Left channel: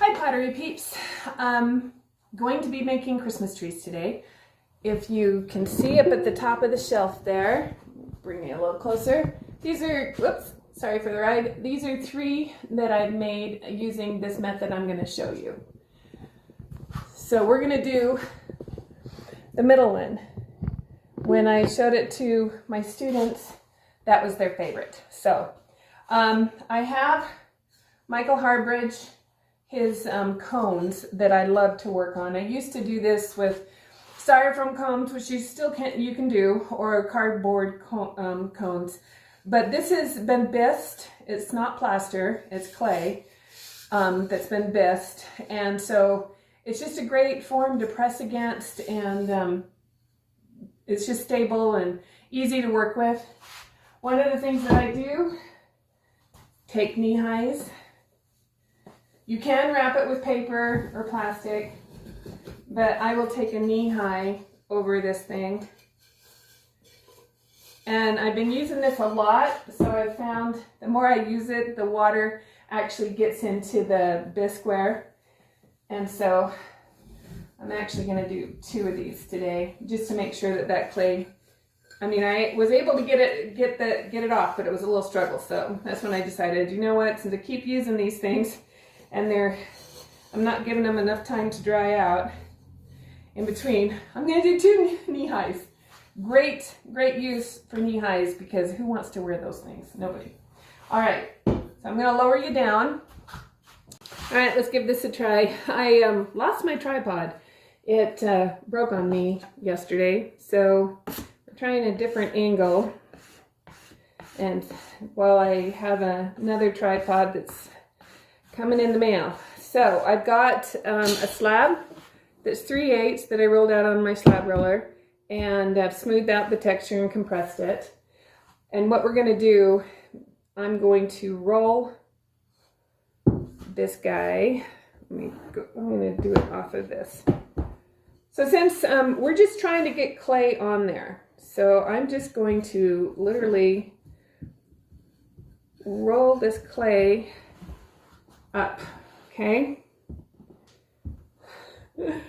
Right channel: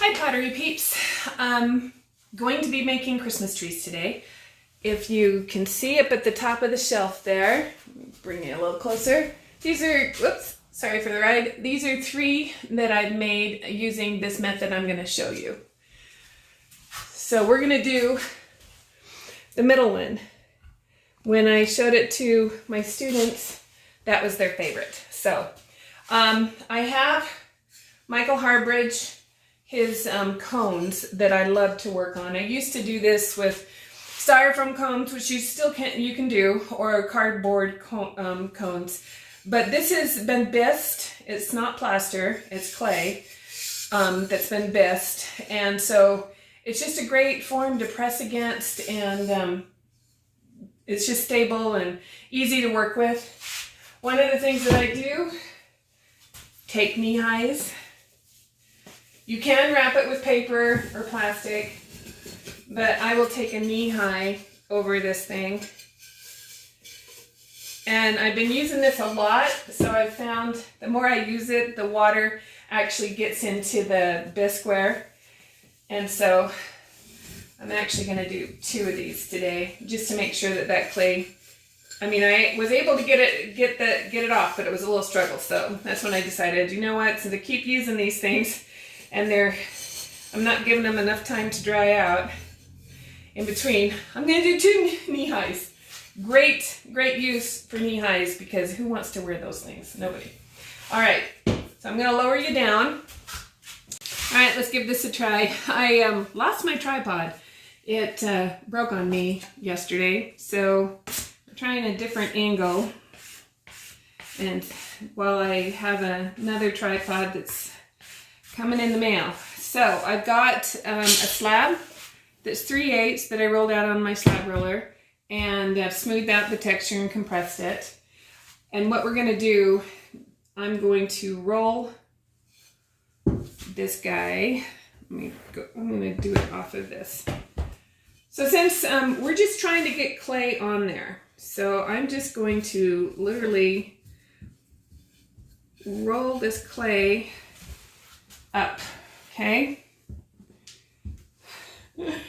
Hi Pottery peeps. Going to be making Christmas trees today. If you can see up at the top of the shelf there, bring it a little closer. These are, whoops, sorry for the ride. These are 3 that I've made using this method I'm going to show you. So we're going to do the middle one. When I showed it to my students, that was their favorite. So I have Michael Harbridge, his cones that I love to work on. I used to do this with styrofoam cones, which you can do, or cardboard cones. But this has been bisqued. It's not plaster, it's clay that's been bisqued. And so it's just a great form to press against, and it's just stable and easy to work with. One of the things that I do, take knee highs. You can wrap it with paper or plastic, but I will take a knee high over this thing. And I've been using this a lot, so I've found the more I use it, the water actually gets into the bisqueware. And so I'm actually going to do 2 of these today, just to make sure that that clay, I mean, I was able to get it off, but it was a little struggle. So that's when I decided, you know what, since I keep using these things and I'm not giving them enough time to dry out in between, I'm going to do 2 knee highs. Great use for knee highs, because who wants to wear those things? Nobody. All right, so I'm going to lower you down. All right, let's give this a try. I lost my tripod. It broke on me yesterday, so we're trying a different angle. And while I have another tripod that's coming in the mail. So I've got a slab that's 3/8 that I rolled out on my slab roller, and I've smoothed out the texture and compressed it. And what we're going to do, I'm going to roll this guy. I'm going to do it off of this. So since we're just trying to get clay on there, so I'm just going to literally roll this clay up, okay? It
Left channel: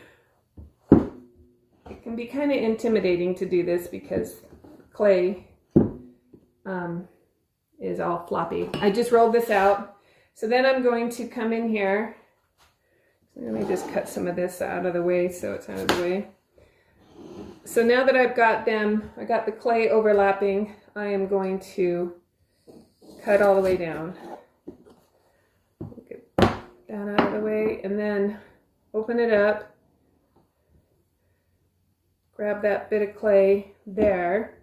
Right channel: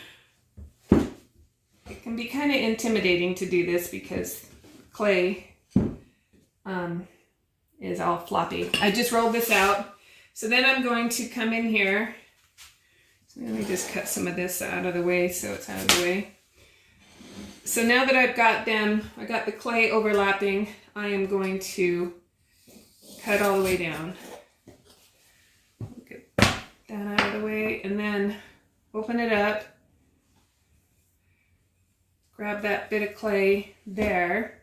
can be kind of intimidating to do this because clay is all floppy. I just rolled this out. So then I'm going to come in here. So let me just cut some of this out of the way so it's out of the way. So now that I've got them, I got the clay overlapping, I am going to cut all the way down. Get that out of the way, and then open it up. Grab that bit of clay there.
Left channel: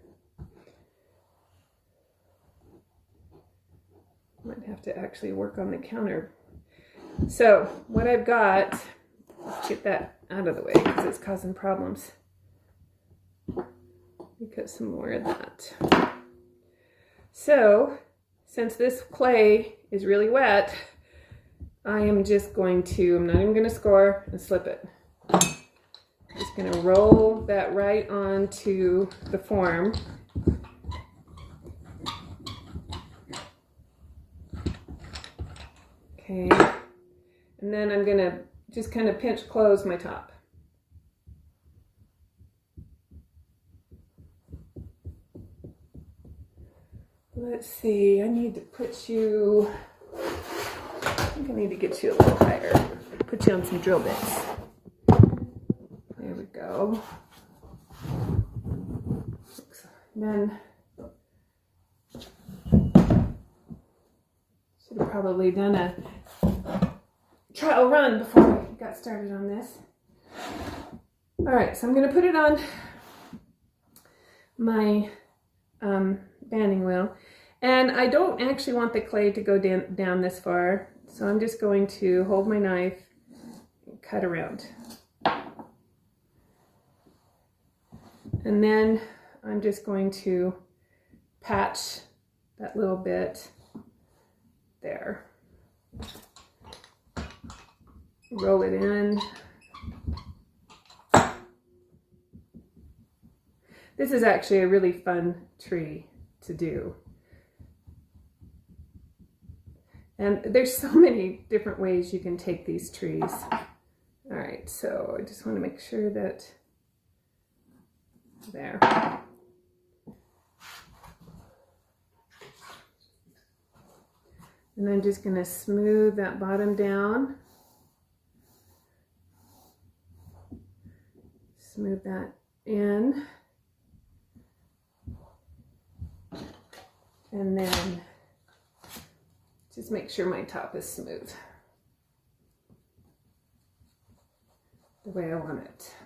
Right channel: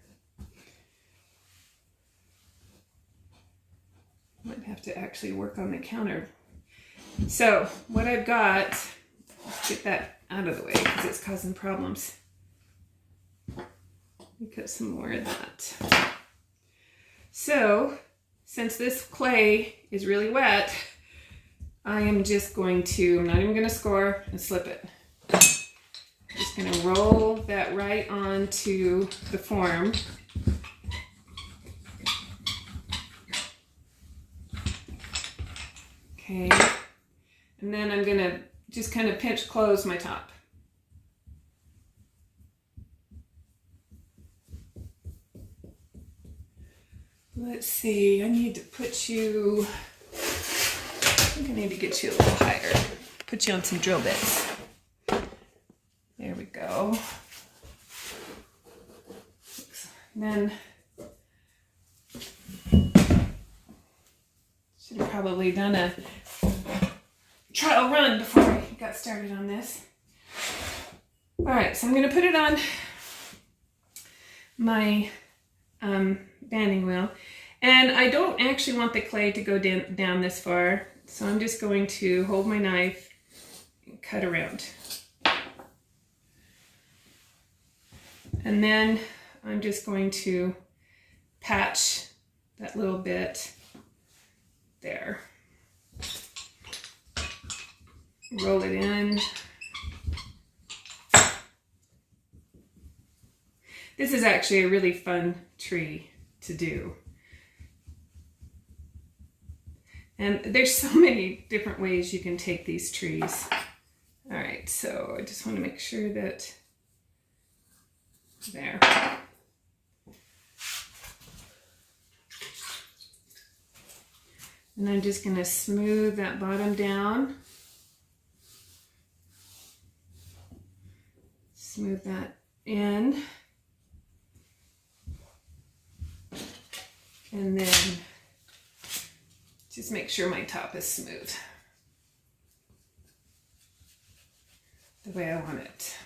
Might have to actually work on the counter. So what I've got, let's get that out of the way because it's causing problems. Let me put some more of that. So since this clay is really wet, I am just going to, I'm not even going to score and slip it. I'm just going to roll that right onto the form. Okay. And then I'm going to just kind of pinch close my top. Let's see, I need to put you, I think I need to get you a little higher. Put you on some drill bits. There we go. Then, should have probably done a trial run before I got started on this. All right, so I'm going to put it on my banding wheel, and I don't actually want the clay to go down this far, so I'm just going to hold my knife and cut around. And then I'm just going to patch that little bit there. Roll it in. This is actually a really fun tree to do. And there's so many different ways you can take these trees. All right, so I just want to make sure that there. And I'm just going to smooth that bottom down. Smooth that in. And then just make sure my top is smooth the way I want it.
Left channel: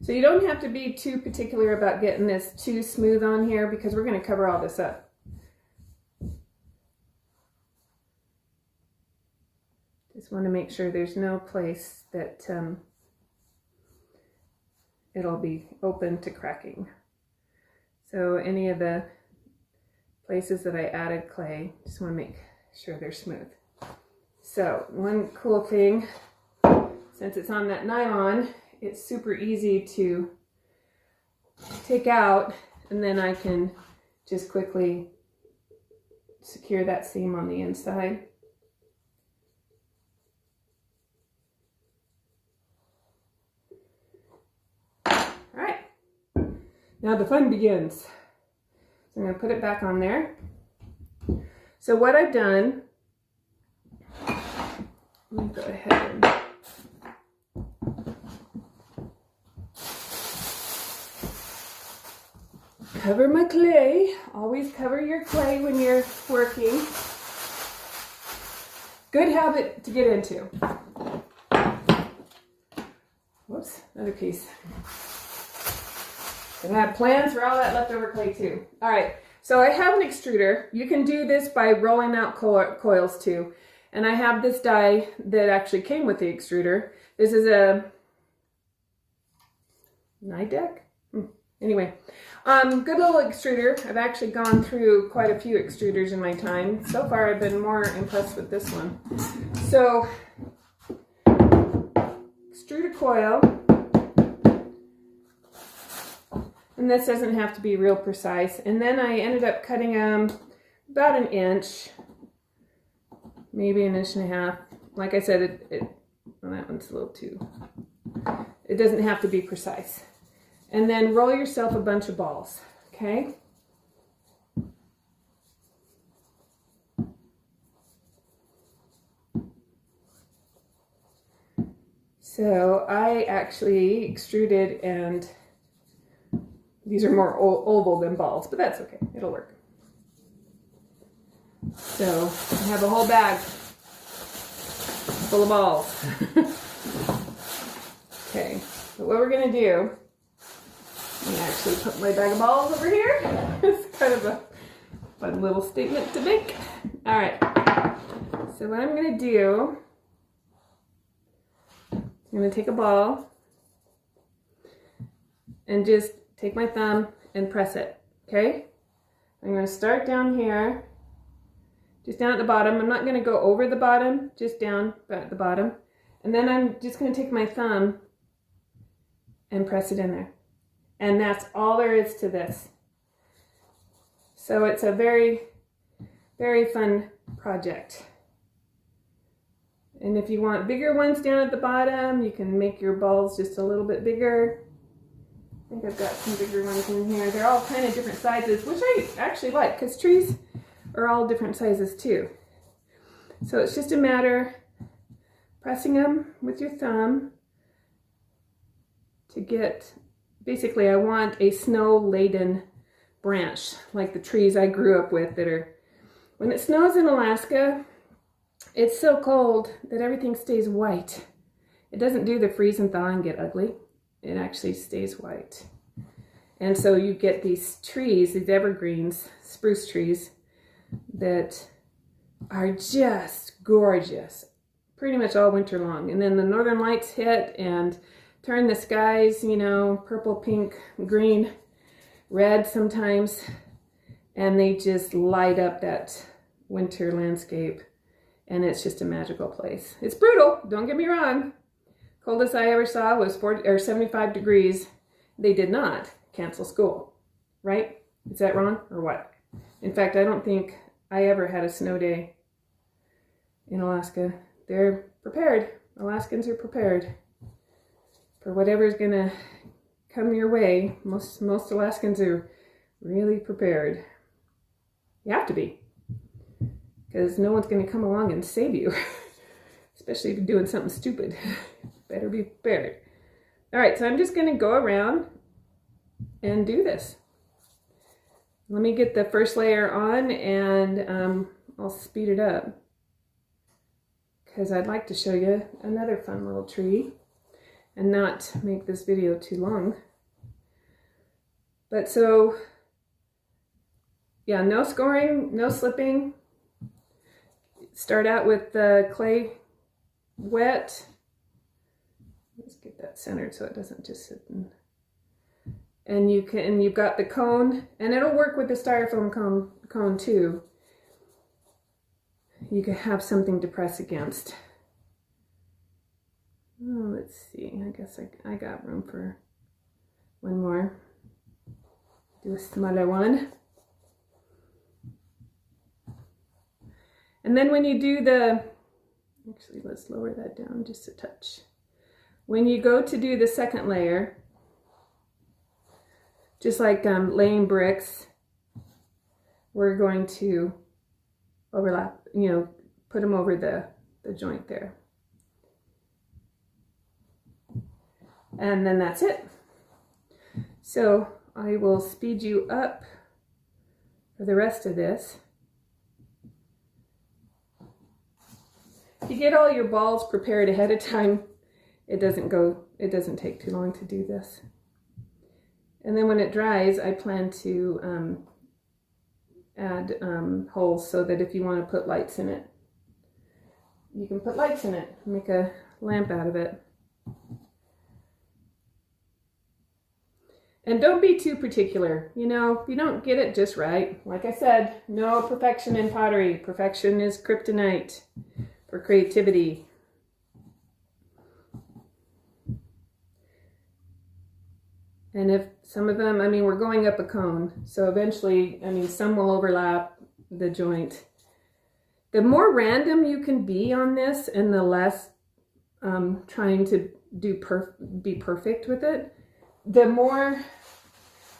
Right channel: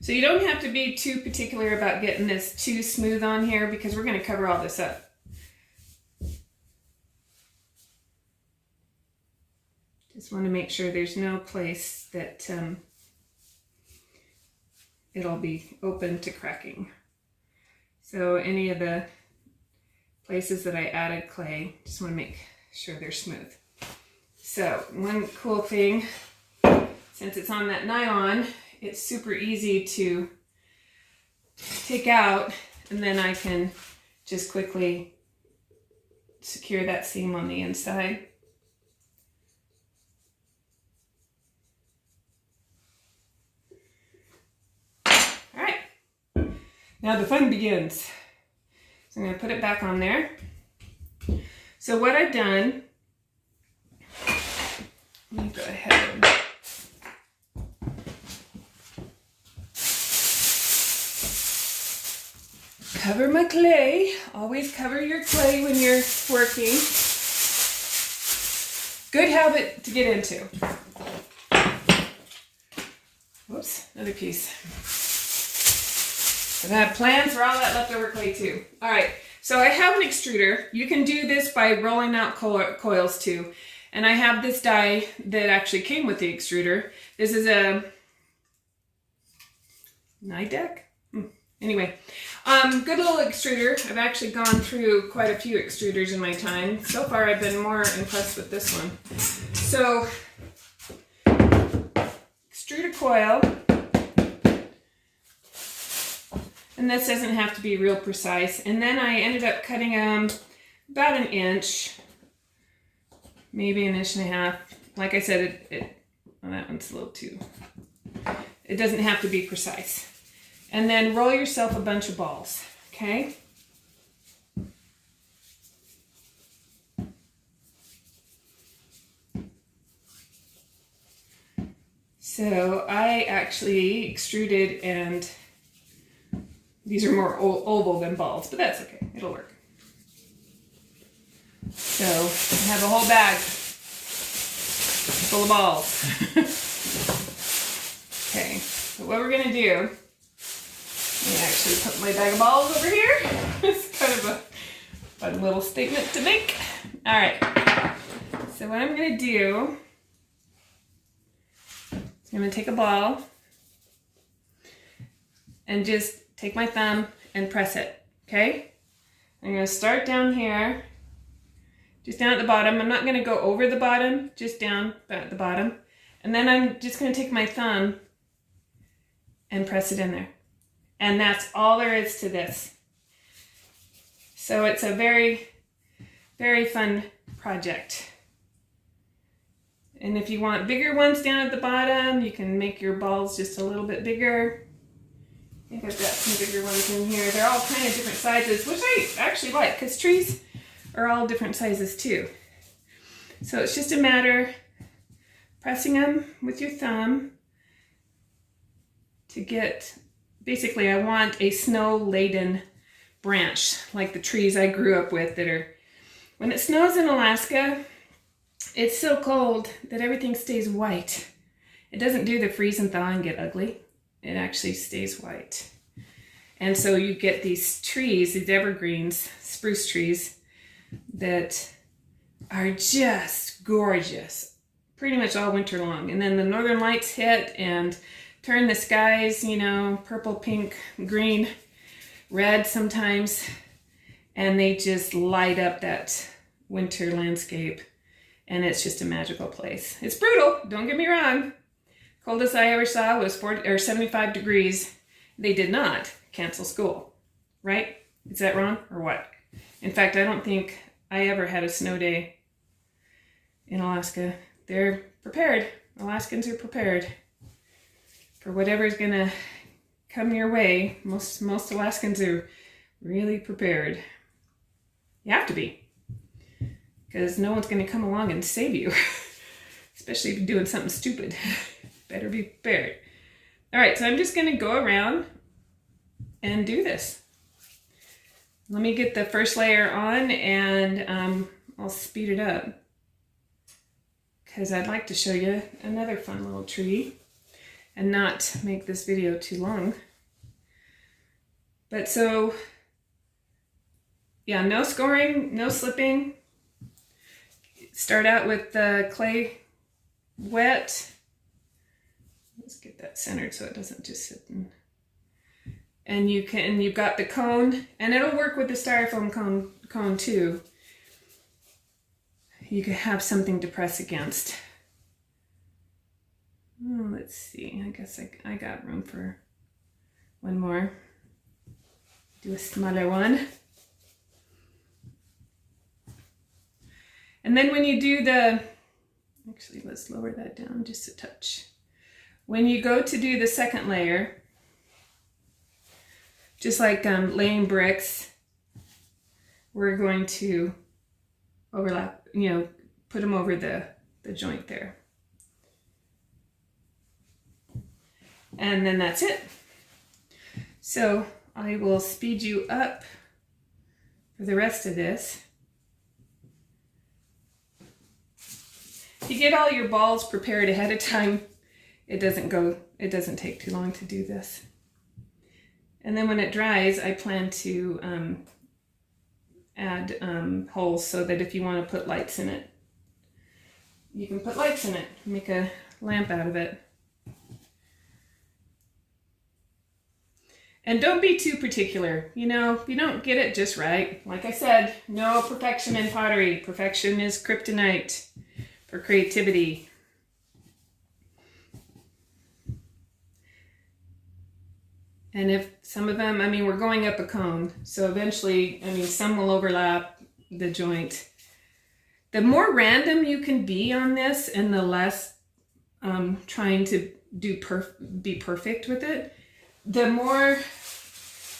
So you don't have to be too particular about getting this too smooth on here because we're going to cover all this up. Just want to make sure there's no place that it'll be open to cracking. So any of the places that I added clay, just want to make sure they're smooth. So one cool thing, since it's on that nylon, it's super easy to take out, and then I can just quickly secure that seam on the inside. All right, now the fun begins. So I'm going to put it back on there. So what I've done, let me go ahead and cover my clay. Always cover your clay when you're working. Good habit to get into. Whoops, another piece. And I have plans for all that leftover clay too. All right, so I have an extruder. You can do this by rolling out coils too. And I have this die that actually came with the extruder. This is a Nidec? Anyway, good little extruder. I've actually gone through quite a few extruders in my time. So far, I've been more impressed with this one. So, extrude a coil. And this doesn't have to be real precise. And then I ended up cutting them about an inch, maybe an inch and a half. Like I said, well, that one's a little too, it doesn't have to be precise. And then roll yourself a bunch of balls, okay? So I actually extruded, and these are more oval than balls, but that's okay, it'll work. So I have a whole bag full of balls. Okay, so what we're gonna do, I actually put my bag of balls over here. It's kind of a fun little statement to make. All right, so what I'm gonna do is I'm gonna take a ball and just take my thumb and press it, okay? I'm gonna start down here, just down at the bottom. I'm not gonna go over the bottom, just down at the bottom. And then I'm just gonna take my thumb and press it in there. And that's all there is to this. So it's a very, very fun project. And if you want bigger ones down at the bottom, you can make your balls just a little bit bigger. I think I've got some bigger ones in here. They're all kind of different sizes, which I actually like, because trees are all different sizes too. So it's just a matter pressing them with your thumb to get, basically I want a snow-laden branch, like the trees I grew up with that are, when it snows in Alaska, it's so cold that everything stays white. It doesn't do the freeze and thaw and get ugly. It actually stays white. And so you get these trees, these evergreens, spruce trees, that are just gorgeous, pretty much all winter long. And then the northern lights hit and turn the skies, you know, purple, pink, green, red sometimes, and they just light up that winter landscape, and it's just a magical place. It's brutal, don't get me wrong. Coldest I ever saw was 75 degrees. They did not cancel school. right? Is that wrong or what? In fact, I don't think I ever had a snow day in Alaska. They're prepared. Alaskans are prepared for whatever's gonna come your way. Most Alaskans are really prepared. You have to be, because no one's gonna come along and save you, especially if you're doing something stupid. Better be prepared. All right, so I'm just gonna go around and do this. Let me get the first layer on, and I'll speed it up because I'd like to show you another fun little tree and not make this video too long. But so, yeah, no scoring, no slipping. Start out with the clay wet. Let's get that centered so it doesn't just sit in. And you've got the cone, and it'll work with the styrofoam cone too. You could have something to press against. Oh, let's see, I guess I got room for one more. Do a smaller one. And then when you do actually let's lower that down just a touch. When you go to do the second layer, just like laying bricks, we're going to overlap, put them over the joint there. And then that's it. So I will speed you up for the rest of this. If you get all your balls prepared ahead of time, it doesn't take too long to do this. And then when it dries, I plan to add holes so that if you want to put lights in it, you can put lights in it, make a lamp out of it. And don't be too particular. If you don't get it just right, like I said, no perfection in pottery. Perfection is kryptonite for creativity. And if some of them, we're going up a cone, so eventually, some will overlap the joint. The more random you can be on this and the less trying to be perfect with it, the more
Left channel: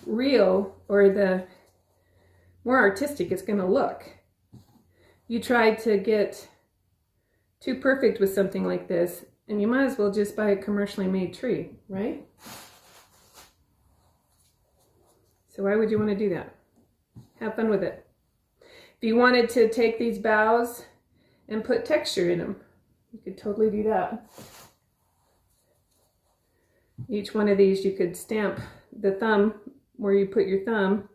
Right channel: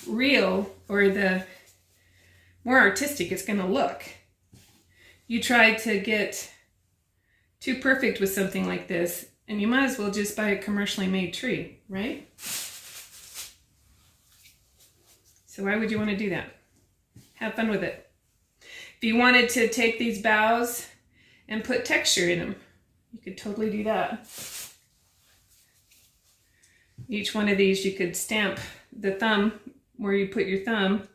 real or the more artistic it's going to look. You try to get too perfect with something like this, and you might as well just buy a commercially made tree, right? So why would you want to do that? Have fun with it. If you wanted to take these boughs and put texture in them, you could totally do that. Each one of these you could stamp the thumb where you put your thumb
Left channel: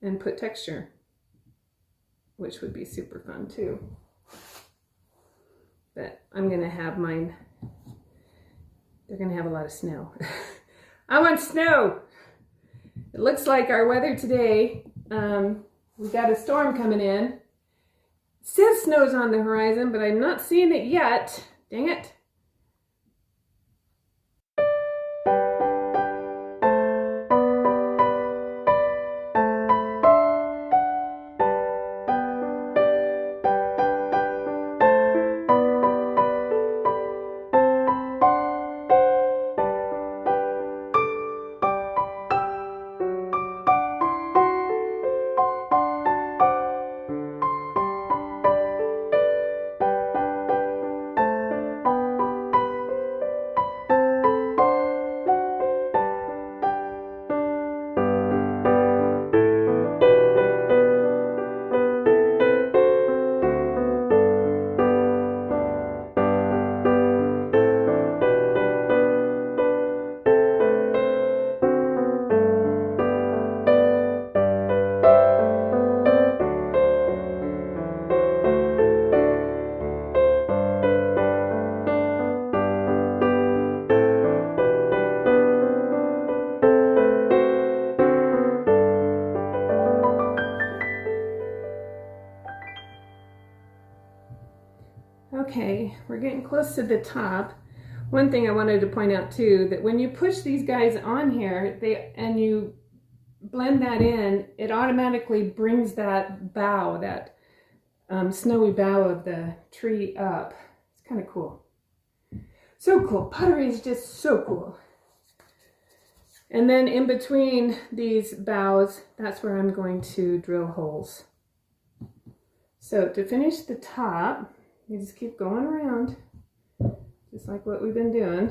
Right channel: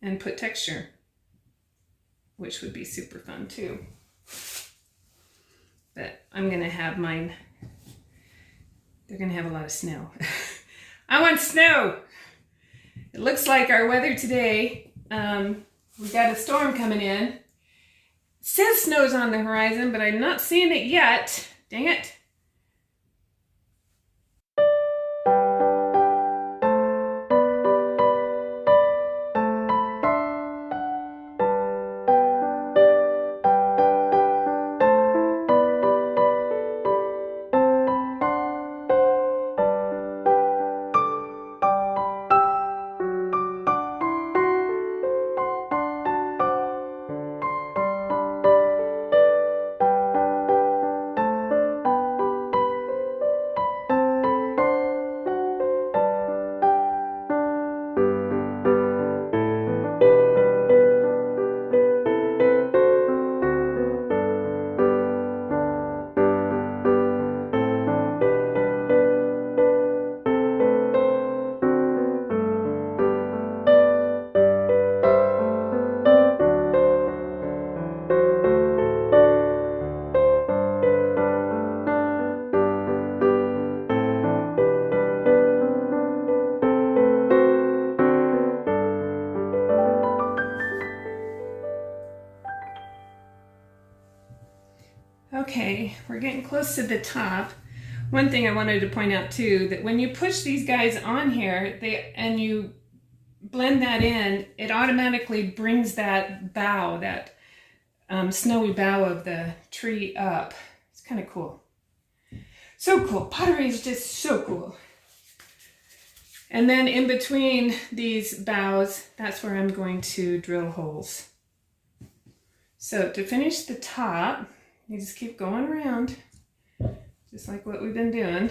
and put texture, which would be super fun too. But I'm going to have mine, they're going to have a lot of snow. I want snow! It looks like our weather today, we got a storm coming in. It says snow's on the horizon, but I'm not seeing it yet. Dang it. Okay, we're getting close to the top. One thing I wanted to point out too, that when you push these guys on here, and you blend that in, it automatically brings that bough, that snowy bough of the tree up. It's kind of cool. So cool. Pottery is just so cool. And then in between these boughs, that's where I'm going to drill holes. So to finish the top, you just keep going around, just like what we've been doing.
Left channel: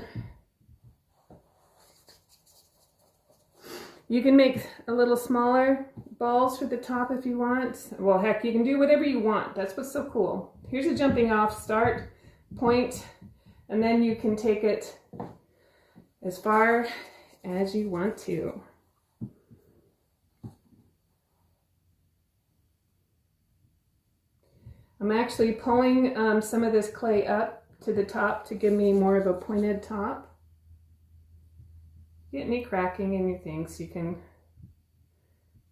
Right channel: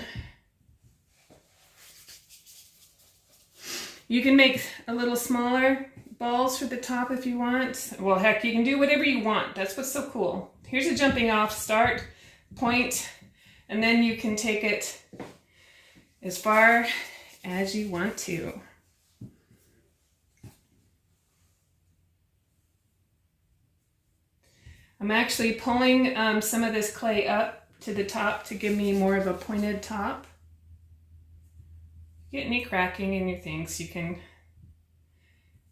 You can make a little smaller balls for the top if you want. Well, heck, you can do whatever you want. That's what's so cool. Here's a jumping off start point, and then you can take it as far as you want to. I'm actually pulling some of this clay up to the top to give me more of a pointed top. Get any cracking in your things, you can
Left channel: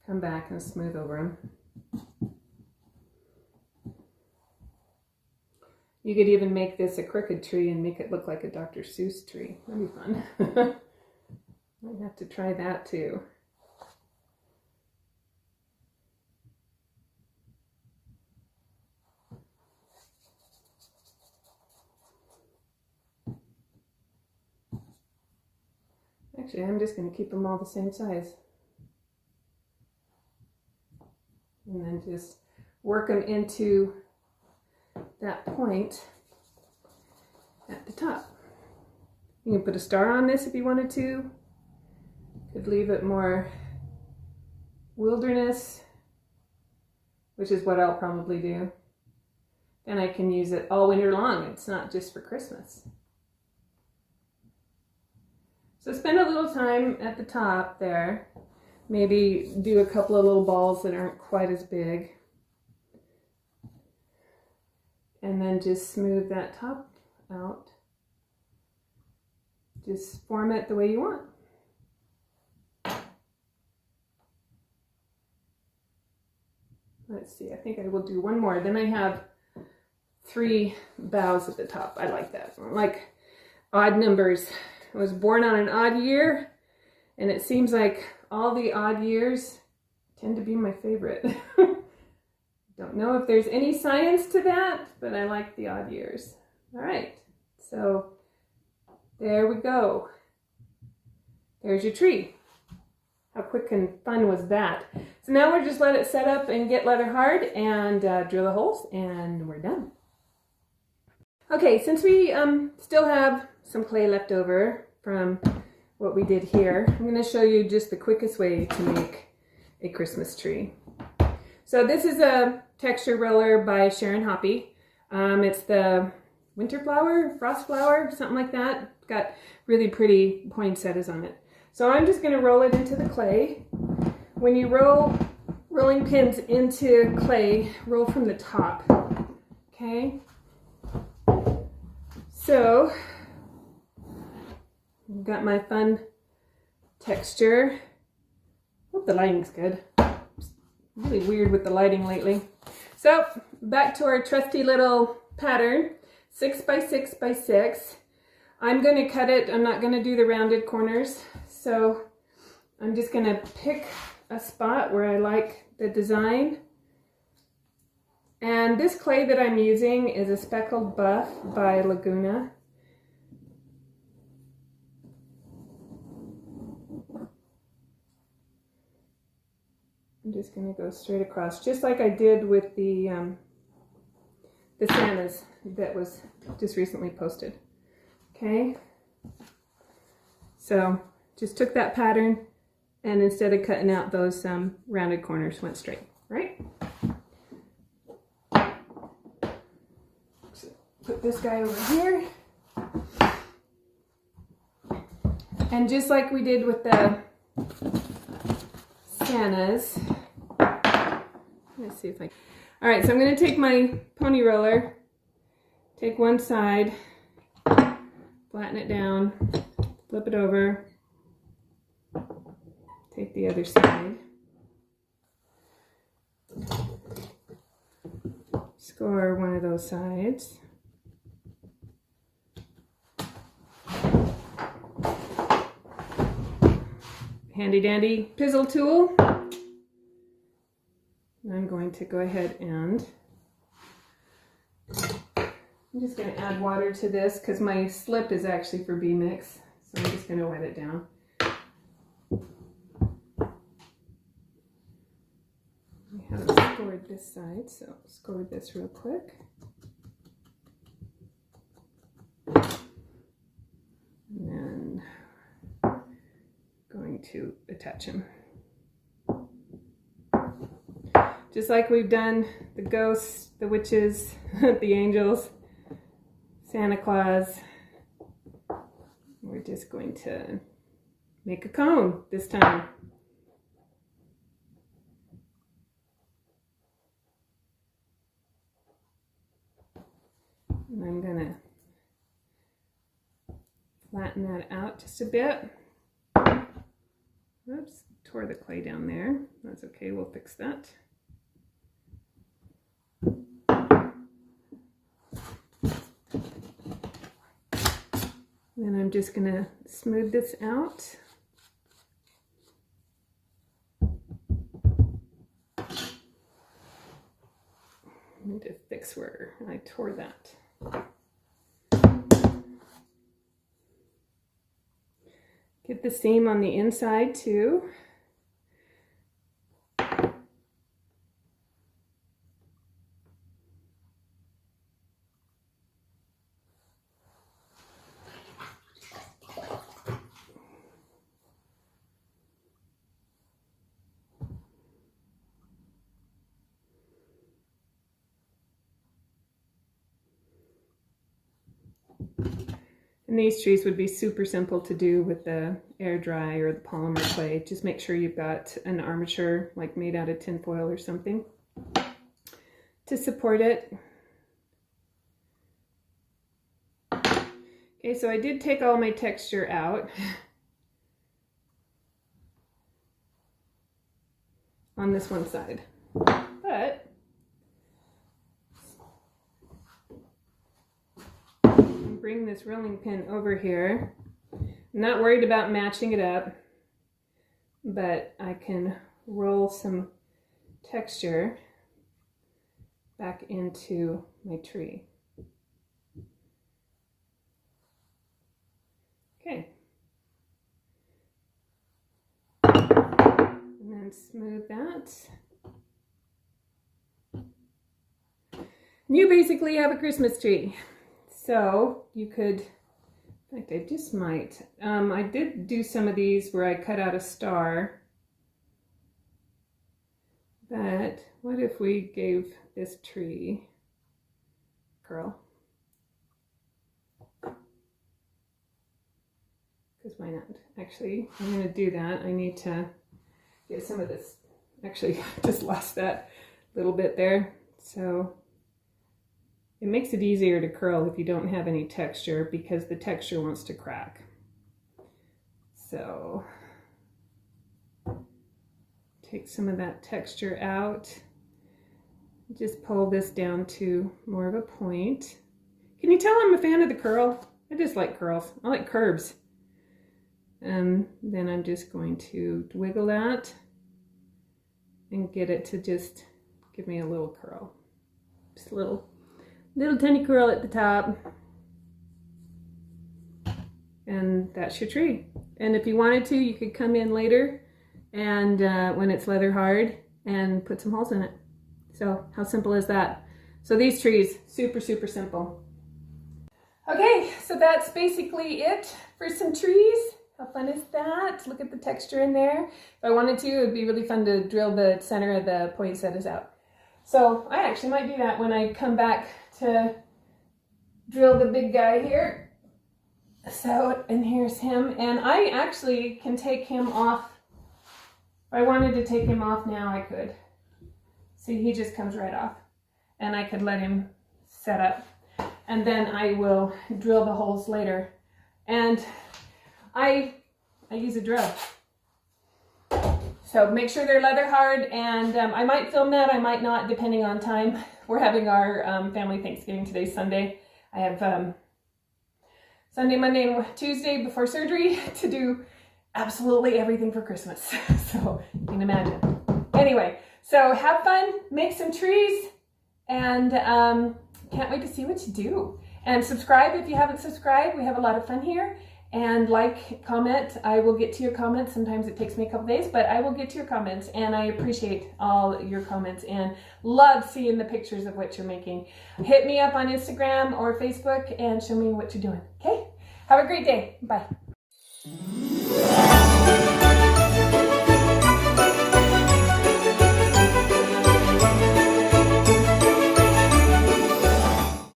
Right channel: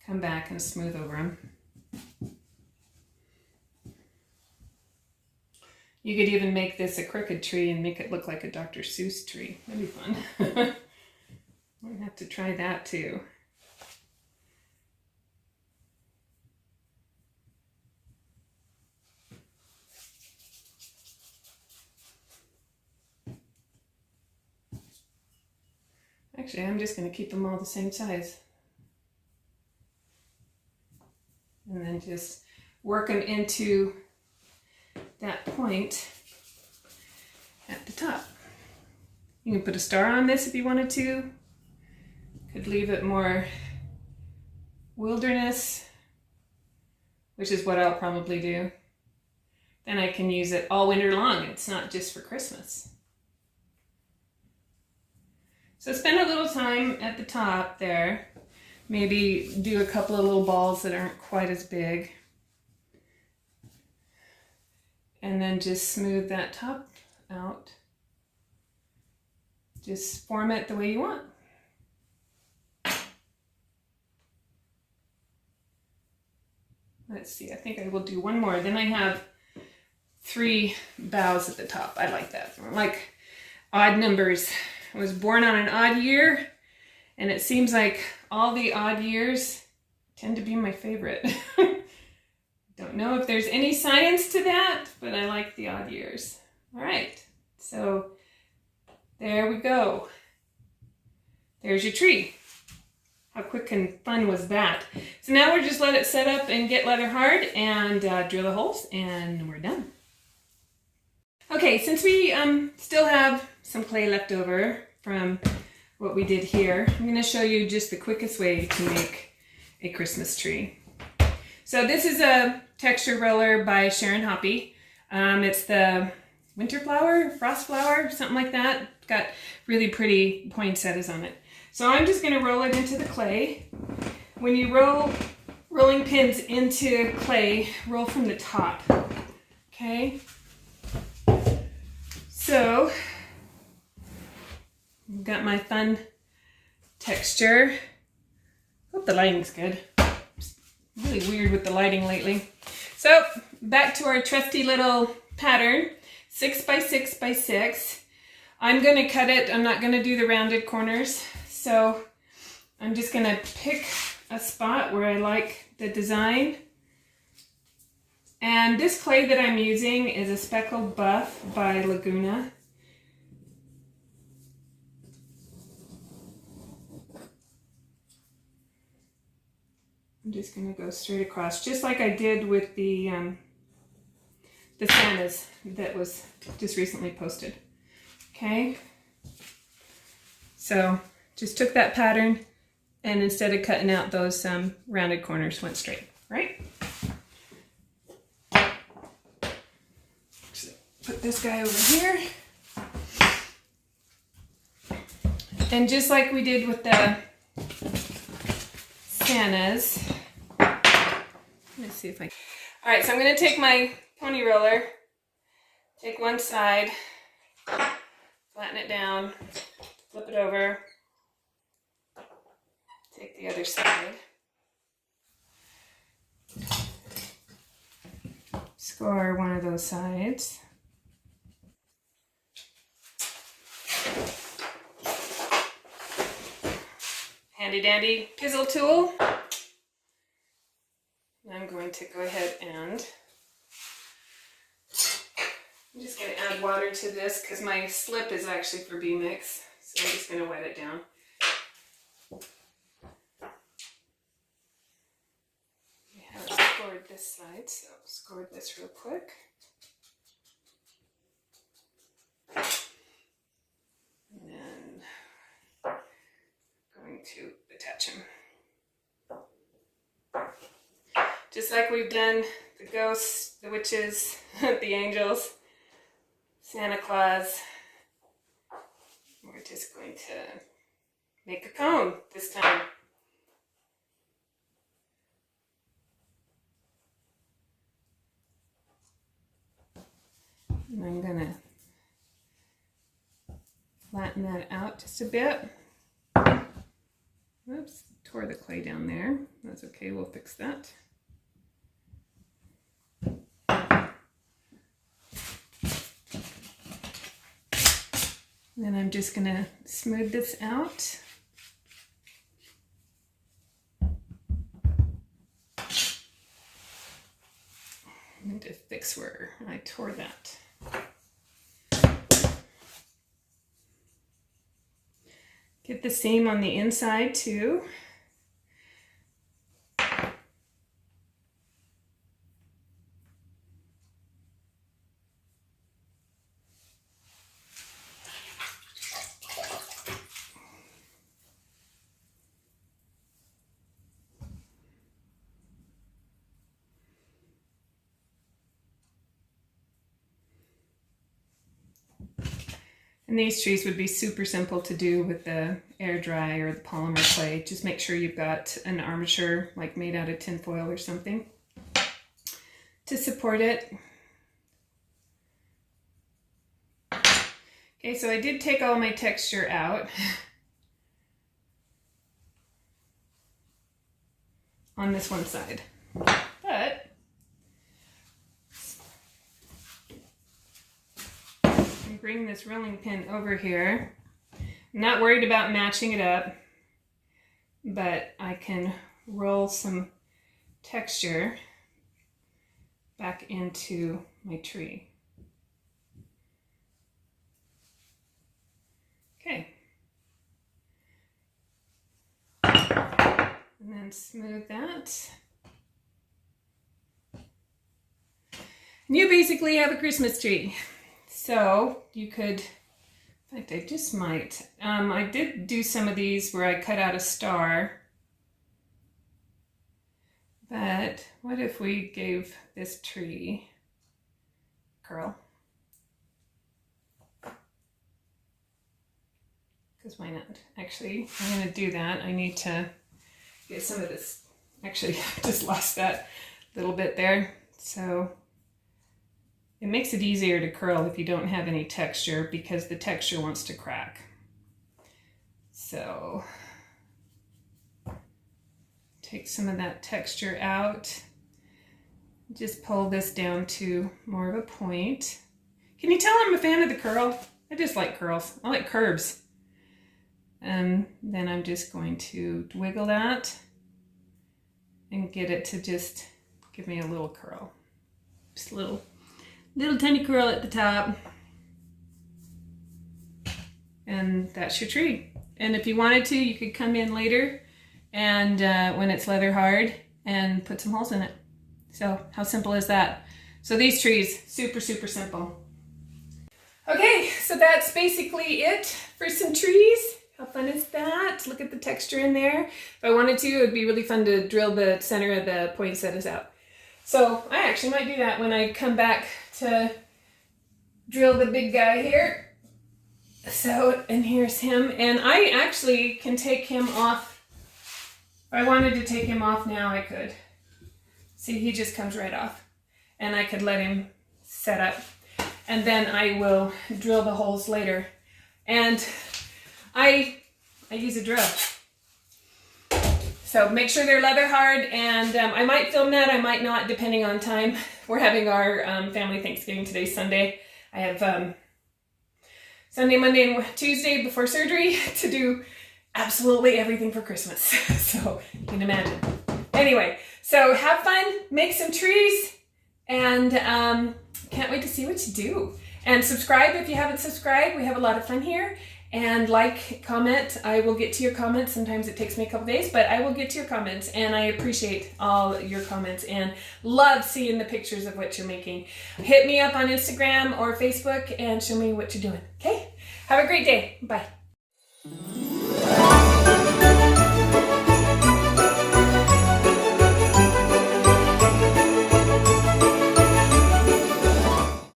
come back and smooth over them. You could even make this a crooked tree and make it look like a Dr. Seuss tree. That'd be fun. Might have to try that too. Actually, I'm just going to keep them all the same size. And then just work them into that point at the top. You can put a star on this if you wanted to. Could leave it more wilderness, which is what I'll probably do. Then I can use it all winter long. It's not just for Christmas. So spend a little time at the top there. Maybe do a couple of little balls that aren't quite as big. And then just smooth that top out. Just form it the way you want. Let's see, I think I will do one more. Then I have 3 boughs at the top. I like that. I like odd numbers. I was born on an odd year, and it seems like all the odd years tend to be my favorite. Don't know if there's any science to that, but I like the odd years. All right, so there we go. There's your tree. How quick and fun was that? So now we're just let it set up and get leather hard and drill the holes, and we're done. Okay, since we still have some clay left over from what we did here, I'm going to show you just the quickest way to make a Christmas tree. So this is a texture roller by Sharon Hoppe. It's the winter flower, frost flower, something like that. It's got really pretty poinsettias on it. So I'm just going to roll it into the clay. When you roll rolling pins into clay, roll from the top. Okay? So, I've got my fun texture. Hope the lighting's good. It's really weird with the lighting lately. So, back to our trusty little pattern, 6 by 6 by 6. I'm going to cut it. I'm not going to do the rounded corners. So, I'm just going to pick a spot where I like the design. And this clay that I'm using is a Speckled Buff by Laguna. I'm just going to go straight across, just like I did with the Santas that was just recently posted. Okay, so just took that pattern and instead of cutting out those rounded corners, went straight, right? Put this guy over here. And just like we did with the Santas, let's see if I can. All right, so I'm going to take my pony roller, take one side, flatten it down, flip it over, take the other side, score one of those sides. handy dandy pizzle tool. I'm going to go ahead and I'm just going to add water to this because my slip is actually for B-mix. So I'm just going to wet it down. I haven't scored this side, so I'll score this real quick. And then going to attach him. Just like we've done the ghosts, the witches, the angels, Santa Claus. We're just going to make a cone this time. And I'm gonna flatten that out just a bit. Oops, tore the clay down there. That's okay, we'll fix that. Then I'm just going to smooth this out. I need to fix where I tore that. Get the seam on the inside too. And these trees would be super simple to do with the air dry or the polymer clay. Just make sure you've got an armature like made out of tin foil or something to support it. Okay, so I did take all my texture out on this one side, but bring this rolling pin over here. I'm not worried about matching it up, but I can roll some texture back into my tree. Okay. And then smooth that. And you basically have a Christmas tree. So you could, in fact, I just might. I did do some of these where I cut out a star. But what if we gave this tree curl? Because why not? Actually, I'm going to do that. I need to get some of this. Actually, I just lost that little bit there. So it makes it easier to curl if you don't have any texture because the texture wants to crack. So take some of that texture out. Just pull this down to more of a point. Can you tell I'm a fan of the curl? I just like curls. I like curves. And then I'm just going to wiggle that and get it to just give me a little curl. Just a little tiny curl at the top. And that's your tree. And if you wanted to, you could come in later and when it's leather hard and put some holes in it. So how simple is that? So these trees, super, super simple. Okay, so that's basically it for some trees. How fun is that? Look at the texture in there. If I wanted to, it would be really fun to drill the center of the poinsettias out. So I actually might do that when I come back to drill the big guy here. So, and here's him. And I actually can take him off. If I wanted to take him off now, I could. See, he just comes right off. And I could let him set up. And then I will drill the holes later. And I use a drill. So make sure they're leather hard, and I might film that, I might not, depending on time. We're having our family Thanksgiving today, Sunday. I have Sunday, Monday, and Tuesday before surgery to do absolutely everything for Christmas. So you can imagine. Anyway, so have fun, make some trees, and can't wait to see what you do. And subscribe if you haven't subscribed. We have a lot of fun here. And like, comment. I will get to your comments. Sometimes it takes me a couple days, but I will get to your comments. And I appreciate all your comments and love seeing the pictures of what you're making. Hit me up on Instagram or Facebook and show me what you're doing. Okay? Have a great day. Bye.